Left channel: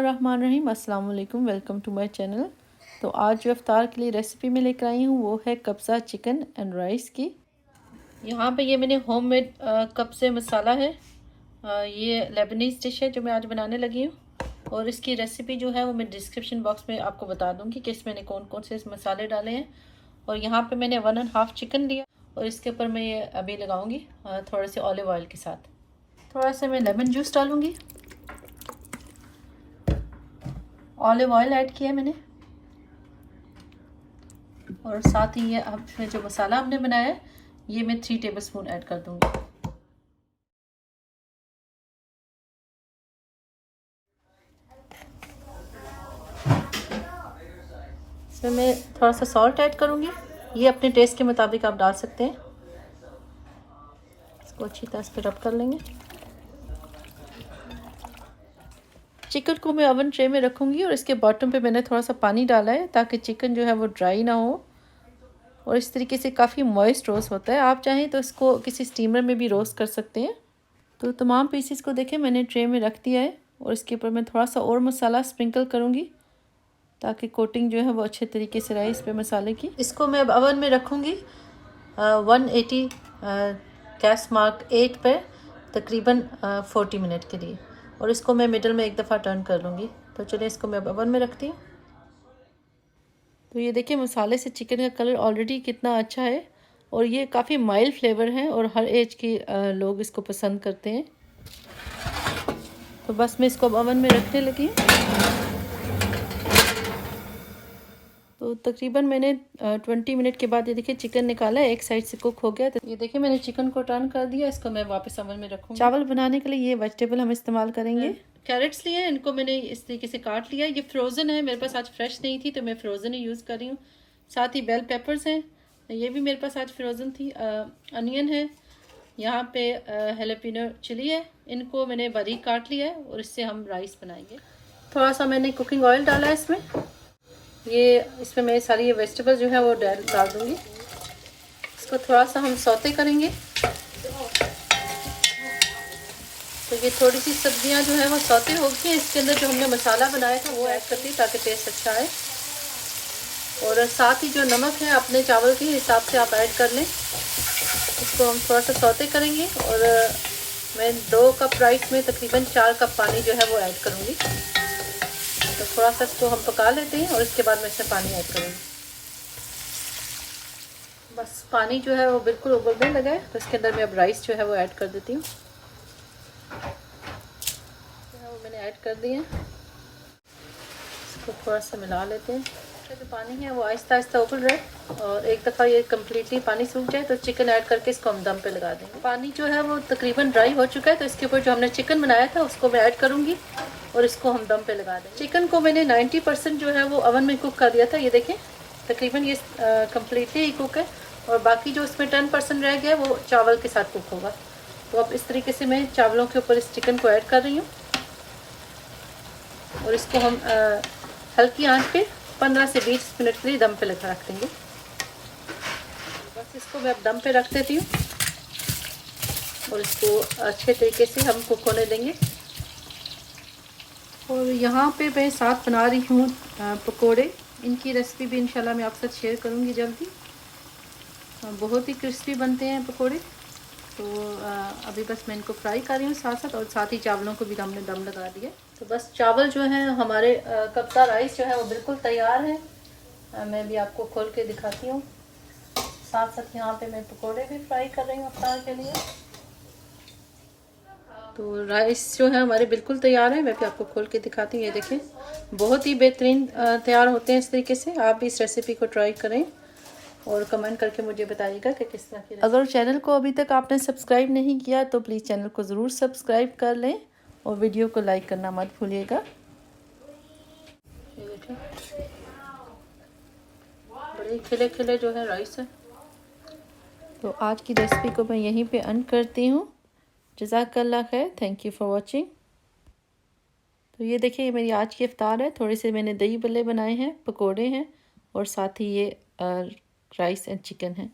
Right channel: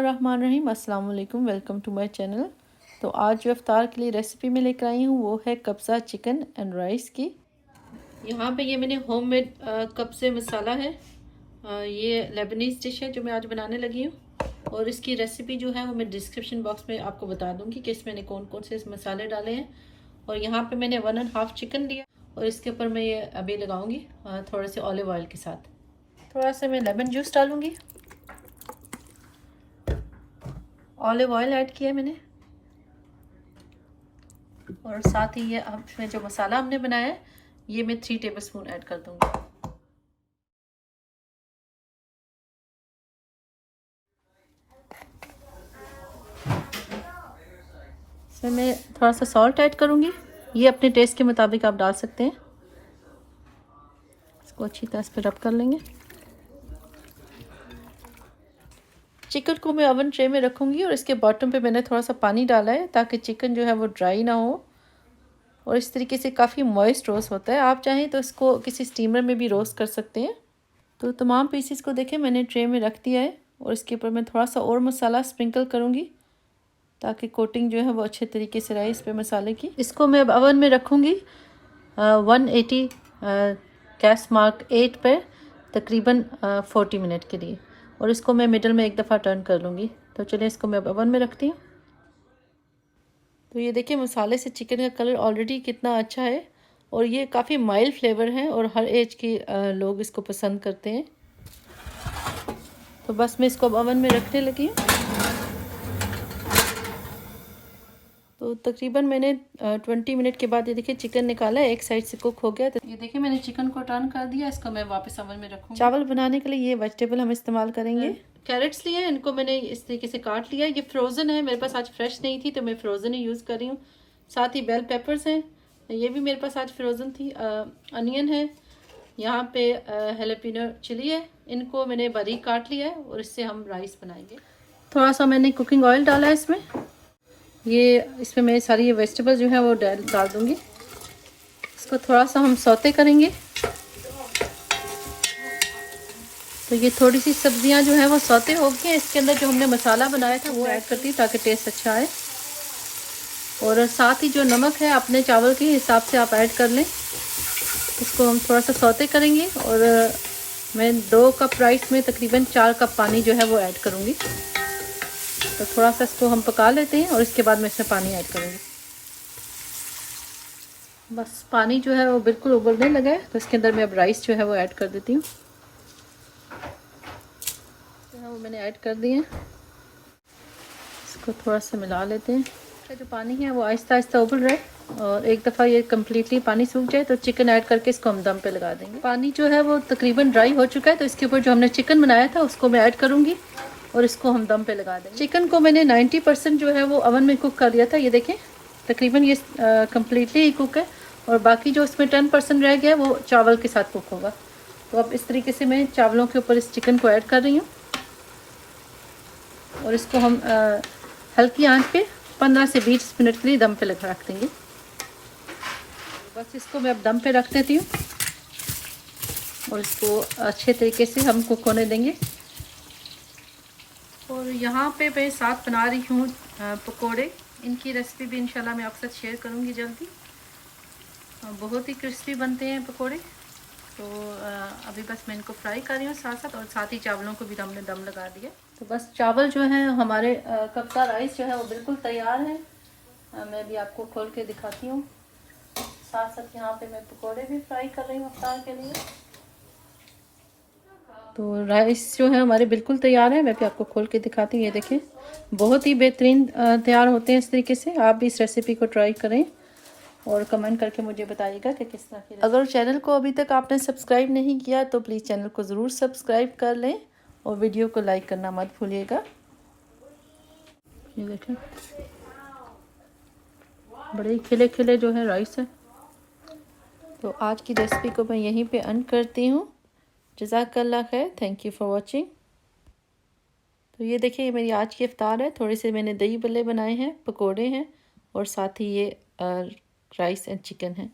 बिस्मिल्लाहिर्रहमानिर्रहीम, अस्सलाम वालेकुम, वेलकम टू माय चैनल। तो आज जो इफ्तार के लिए रेसिपी में लेकर आई हूँ वो है कब्ज़ा चिकन एंड राइस की। यहाँ पे ये मैंने होममेड कब्ज़े मसाला है। ये लेबनीज़ डिश है जो मैं आज बनाने लगी हूँ और इसकी रेसिपी जो है वो मैं डिस्क्रिप्शन बॉक्स में आपको बता दूँगी कि इसमें मैंने कौन कौन से मसाले डाले हैं। और यहाँ पर मैंने 1.5 चिकन लिया और इसके ऊपर मैं ये अभी लगाऊँगी थोड़े से ऑलिव ऑयल के साथ। थोड़ा सा मैं लेमन जूस डालूँगी, ऑलिव ऑयल ऐड किया मैंने और साथ ही ये अब इसमें जो मसाला हमने बनाया है ये मैं 3 टेबलस्पून ऐड कर दूंगी। इसमें मैं थोड़ा सा सॉल्ट ऐड करूंगी, ये अपने टेस्ट के मुताबिक आप डाल सकते हैं। इसको अच्छी तरह से रब कर लेंगे। चिकन को मैं ओवन ट्रे में रखूंगी और इसके बॉटम पे मैंने थोड़ा सा पानी डाला है ताकि चिकन जो है वो ड्राई ना हो और इस तरीके से काफ़ी मॉइस्ट रोस्ट होता है। आप चाहें तो इसको किसी स्टीमर में भी रोस्ट कर सकते हैं। तो तमाम पीसेस को देखें मैंने ट्रे में रख दिया है और इसके ऊपर मैं थोड़ा सा और मसाला स्प्रिंकल करूँगी ताकि कोटिंग जो है वो अच्छे तरीके से रहे इस पे मसाले की। इसको मैं ओवन में रखूँगी 180 गैस मार्क 8 पे तकरीबन 40 मिनट के लिए और इसको मैं मिडल में एक दफ़ा टर्न कर लूँगी। तो चलिए इसको मैं ओवन में रखती हूँ। तो ये देखिए मसाले से चिकन का कलर ऑलरेडी कितना अच्छा है और ये काफ़ी माइल्ड फ्लेवर है और हर एज के लोग इसको पसंद करते हैं। तो बस मैं इसको ओवन में रखने लगी हूँ। तो तकरीबन मैंने 20 मिनट के बाद ये देखिए चिकन निकाला है, एक साइड से कुक हो गया। तो ये देखिए मैंने चिकन को टर्न कर दिया, इसको मैं वापस ओवन में रखूँगी। चावल बनाने के लिए ये वेजिटेबल हम इस्तेमाल करेंगे। कैरेट्स लिए हैं, इनको मैंने इस तरीके से काट लिया। ये फ्रोज़न है, मेरे पास आज फ्रेश नहीं थी तो मैं फ्रोज़न ही यूज़ कर रही हूँ। साथ ही बेल पेपर्स हैं, ये भी मेरे पास आज फ्रोज़न थी। अनियन है, यहाँ पे हेलेपिनो चिली है, इनको मैंने बारीक काट लिया है और इससे हम राइस बनाएंगे। थोड़ा सा मैंने कुकिंग ऑयल डाला है इसमें, ये इसमें मैं सारी ये वेजिटेबल्स जो है वो डाल दूँगी। इसको थोड़ा सा हम सौते करेंगे। तो ये थोड़ी सी सब्जियां जो है वो सौते हो गई हैं, इसके अंदर जो हमने मसाला बनाया था वो ऐड करती हूँ ताकि टेस्ट अच्छा आए। और साथ ही जो नमक है अपने चावल के हिसाब से आप ऐड कर लें। इसको हम थोड़ा सा सौते करेंगे और मैं 2 कप राइस में तकरीबन 4 कप पानी जो है वो ऐड करूँगी। तो थोड़ा सा इसको हम पका लेते हैं और इसके बाद मैं इसमें पानी ऐड करूँगी। बस पानी जो है वो बिल्कुल उबलने लगा है तो इसके अंदर मैं अब राइस जो है वो ऐड कर देती हूँ। मैंने ऐड कर दिए, इसको थोड़ा सा मिला लेते हैं। जो पानी है वो आहिस्ता आहिस्ता उबल रहा है और एक दफ़ा ये कम्प्लीटली पानी सूख जाए तो चिकन ऐड करके इसको हम दम पे लगा देंगे। पानी जो है वो तकरीबन ड्राई हो चुका है तो इसके ऊपर जो हमने चिकन बनाया था उसको मैं ऐड करूँगी और इसको हम दम पे लगा देंगे। चिकन को मैंने 90% जो है वो ओवन में कुक कर दिया था। ये देखें तकरीबन ये कम्प्लीटली ही कुक है और बाकी जो इसमें 10% रह गया वो चावल के साथ कुक होगा। तो अब इस तरीके से मैं चावलों के ऊपर इस चिकन को ऐड कर रही हूँ और इसको हम हल्की आंच पे 15 से 20 मिनट के लिए दम पे लगा रख देंगे। बस इसको मैं अब दम पे रख देती हूँ और इसको अच्छे तरीके से हम कुक होने देंगे। और यहाँ पे मैं साथ बना रही हूँ पकोड़े। इनकी रेसिपी भी इंशाल्लाह मैं आपके साथ शेयर करूँगी जल्दी। बहुत ही क्रिस्पी बनते हैं पकोड़े। तो अभी बस मैं इनको फ्राई कर रही हूँ साथ साथ और साथ ही चावलों को भी हमने दम लगा दिया। तो बस चावल जो है हमारे कब्ज़ा राइस जो है वो बिल्कुल तैयार है। मैं भी आपको खोल के दिखाती हूँ। साथ साथ यहाँ पे मैं पकोड़े भी फ्राई कर रही हूँ अफ्तार के लिए। तो राइस जो है हमारे बिल्कुल तैयार है, मैं भी आपको खोल के दिखाती हूँ। ये देखें बहुत ही बेहतरीन तैयार होते हैं इस तरीके से। आप भी इस रेसिपी को ट्राई करें और कमेंट करके मुझे बताइएगा कि किस तरह की। अगर चैनल को अभी तक आपने सब्सक्राइब नहीं किया तो प्लीज़ चैनल को ज़रूर सब्सक्राइब कर लें और वीडियो को लाइक करना मत भूलिएगा। ये देखें बड़े खिले खिले जो है राइस है। तो आज की रेसिपी को मैं यहीं पे एंड करती हूँ। जज़ाकल्लाह खैर, थैंक यू फॉर वॉचिंग। तो ये देखिए मेरी आज की इफ्तार है। थोड़े से मैंने दही बल्ले बनाए हैं, पकोड़े हैं और साथ ही ये राइस एंड चिकन है।